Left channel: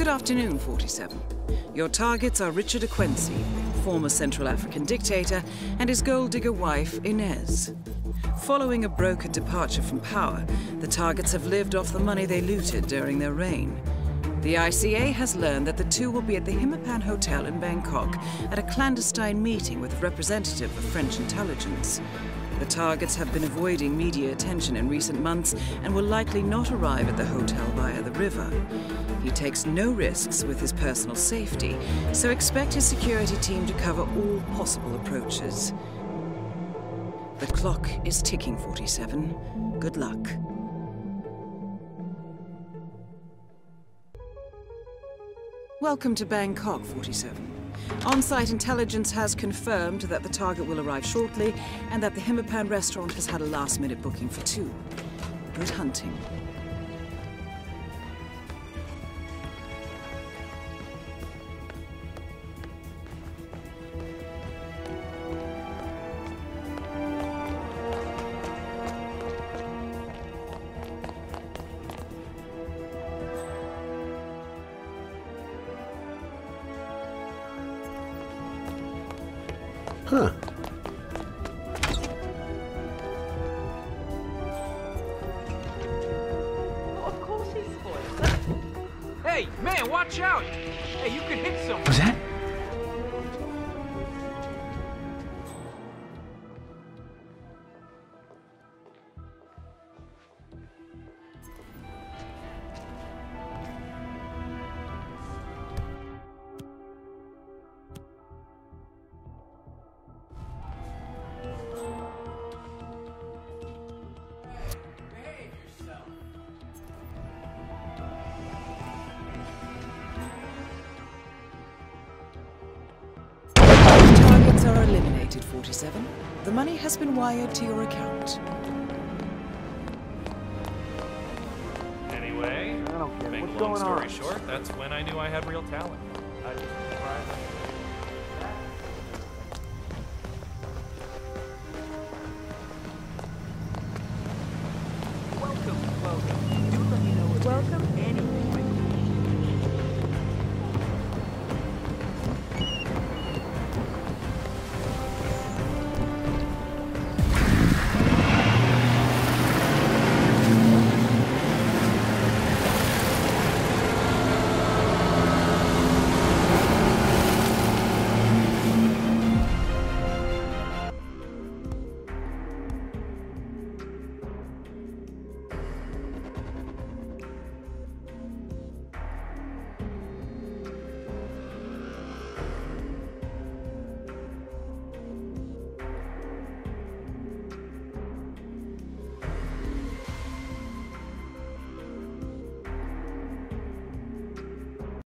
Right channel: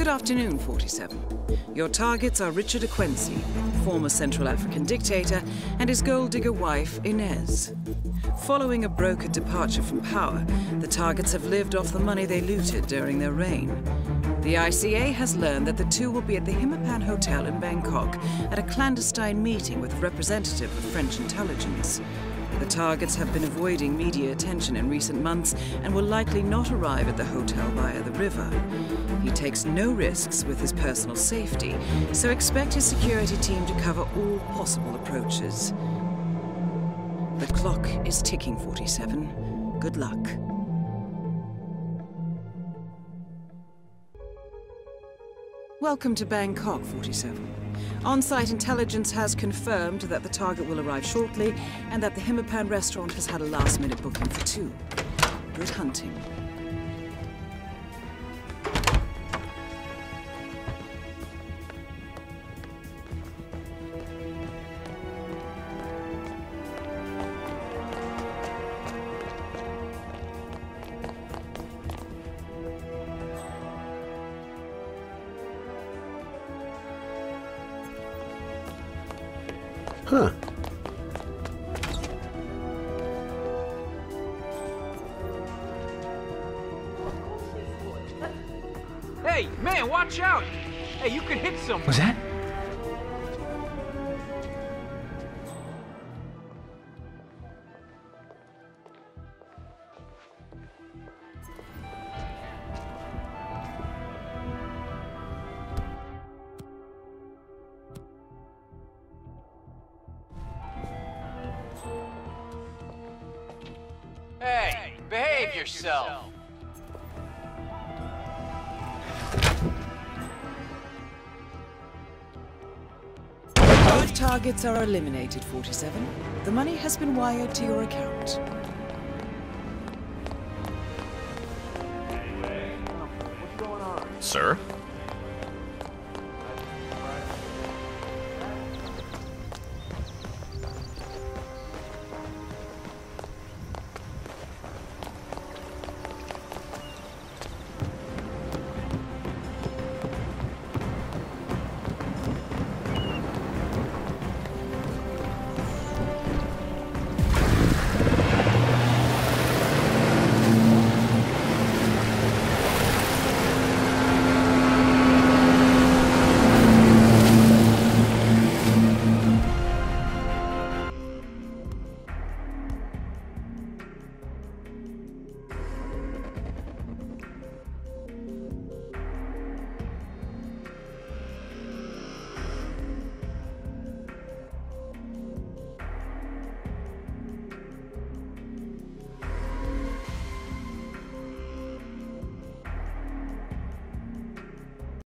Good afternoon, 47. Your targets are Richard Quincy, former Central African dictator, and his gold-digger wife, Inez. Following a brokered departure from power, the targets have lived off the money they looted during their reign. The ICA has learned that the two will be at the Hitman Hotel in Bangkok at a clandestine meeting with a representative of French intelligence. The targets have been avoiding media attention in recent months and will likely not arrive at the hotel via the river. He takes no risks with his personal safety, so expect his security team to cover all possible approaches. The clock is ticking, 47. Good luck. Welcome to Bangkok, 47. On-site intelligence has confirmed that the target will arrive shortly and that the Hitman restaurant has had a last-minute booking for 2. Good hunting. Huh. Of course he's spoiled. Hey, man, watch out! Hey, you could hit someone. Was that? Hey, behave yourself. Both targets are eliminated, 47. The money has been wired to your account. Anyway, I don't care. make What's long going story on? short, Sir? That's when I knew I had real talent. I just surprised.